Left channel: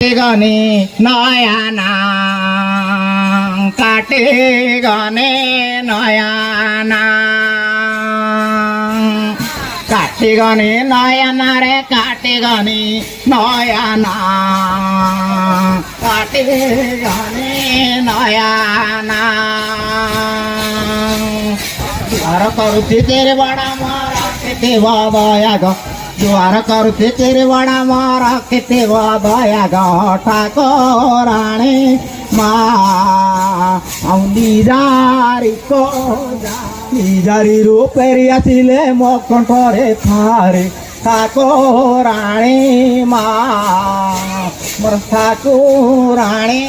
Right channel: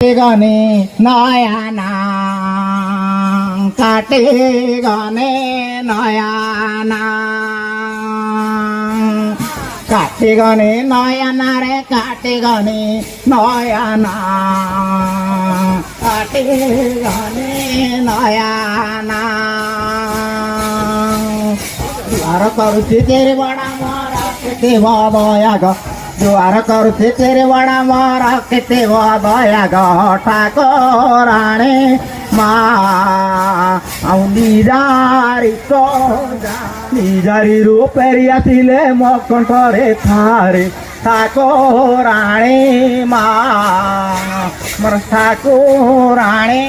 गने नयाना काटे गने नयाना काटे गने नयाना रे काटे गने नयाना काटे गने नयाना द्वार करुचे तेरे बड़ा मारा के वादया ग ज्वार करुचे तेरे बड़ा मारा के वादया ग ठाकुराणे निजारी को निजारी रूपेरी आसिले मो कंठरे थारे ठाकुराणे मोर ठाकुराणे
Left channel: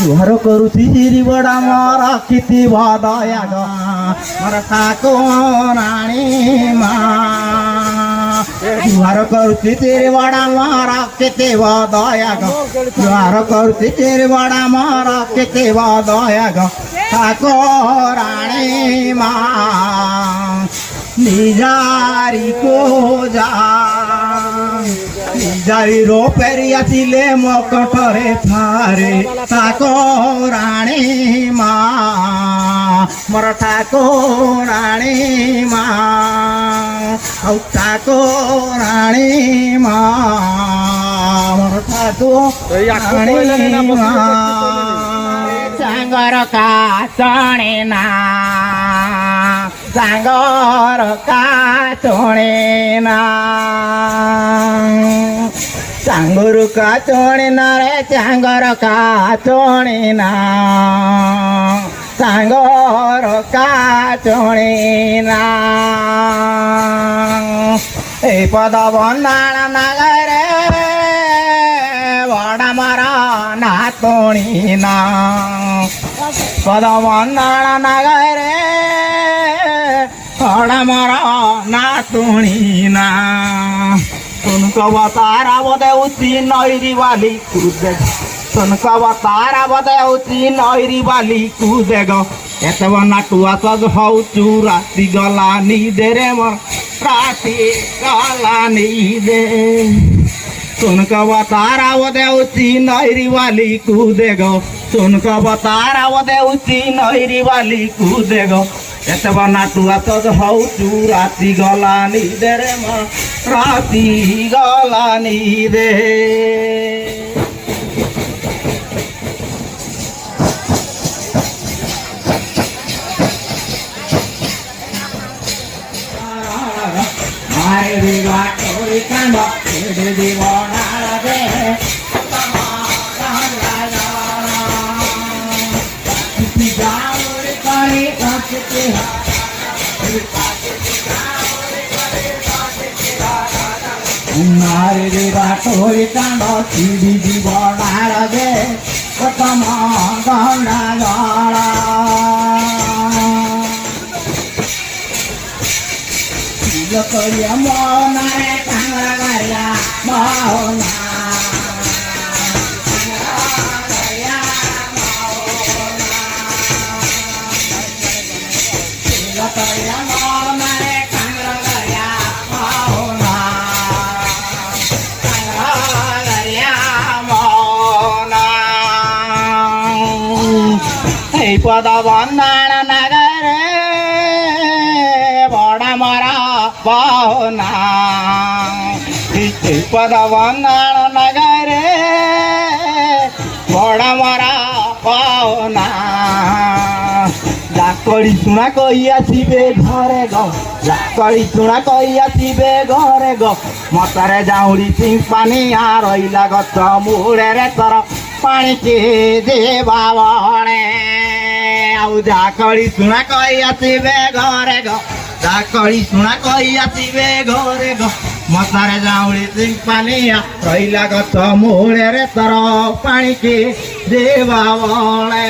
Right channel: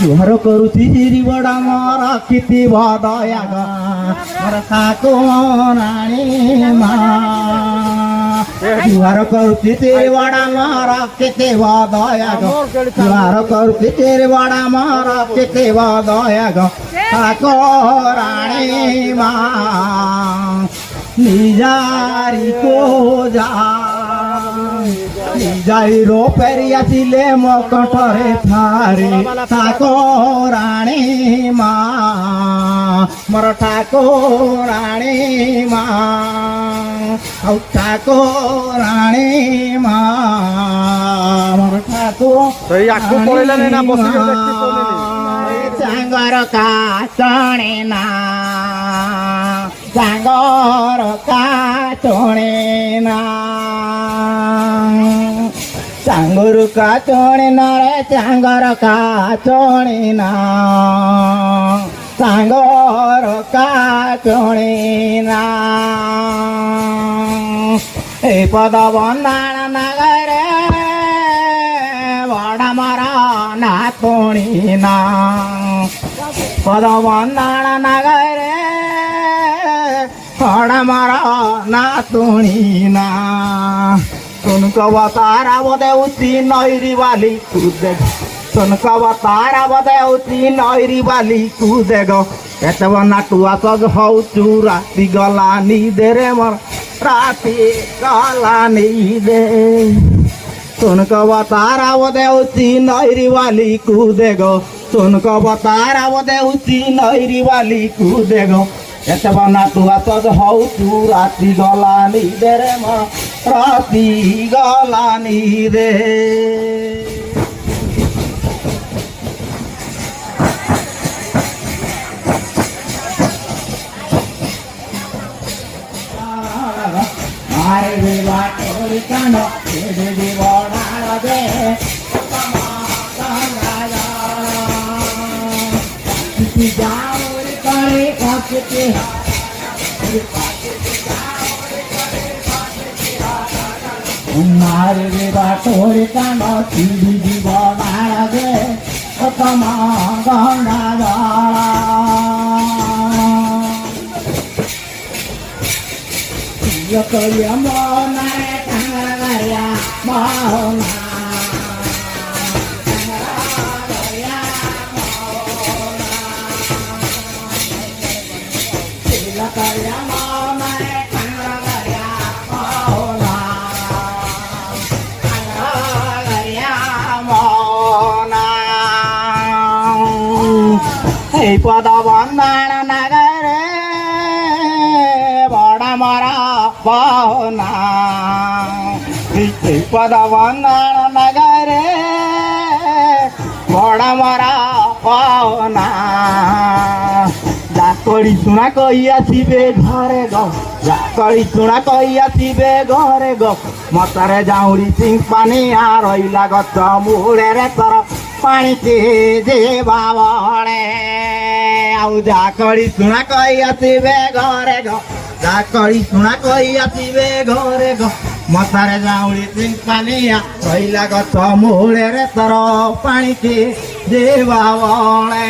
जुहार करुची जिरी बड़ा मारा किती वादया ग मोर ठाकुराणे जुहार करुची तेरे बड़ा मारा किती वादया ग जुहार करुची तेरे बड़ा मारा किती वादया ग ठाकुराणे निजारी को जा निजारी रो पेरी आसिले मो कंठरे थारे ठाकुराणे मोर ठाकुराणे ठाकुराणे मोर ठाकुराणे चांगर का चणे ना चांगर का चणे ना चांगर का चणे ना रे चांगर का चणे ना चांगर का चणे ना ए पद बंदाण नगरे बड़ा मारा नातोणी ना पद बंदाण नगरे बड़ा मारा नातोणी ना तारा बदे उची नैरी वाली कूदे तारा बदे उची नैरी वाली कूदे गो एत नाटुआ तज हौचु राति गला नी दे रे मोर राति गला नी दे तारा बदे उची नैरी वाली कूदे गो तारा बदे उची नैरी वाली कूदे गो एत नाटुआ तज हौचु राति गला नी दे रे मोर राति गला नी दे मारे रे राठोरी कांड सीधी दी बड़ा गे तमा गंडा गाड़ा करिया मोना रे कांगरा गरिया मोना पद बंदाण नगरे बड़ा मारा पाहुना पद बंदाण नगरे बड़ा मारा पाहुना लाकड़ी सुना कही आसबे घरे गो लाकड़ी सुना कही आसबे घरे गो मतरे जाऊड़ी सिंह पानी रहीला गच मुड़े रे तर पानी के देवा बणे जाकड़ी सुना कही आसबे घरे गो जाकड़ी सुना कही आसबे घरे गो मतरे जाऊड़ी सिंह पानी रहीला गच मुड़े रे तर पानी के देवा बणे।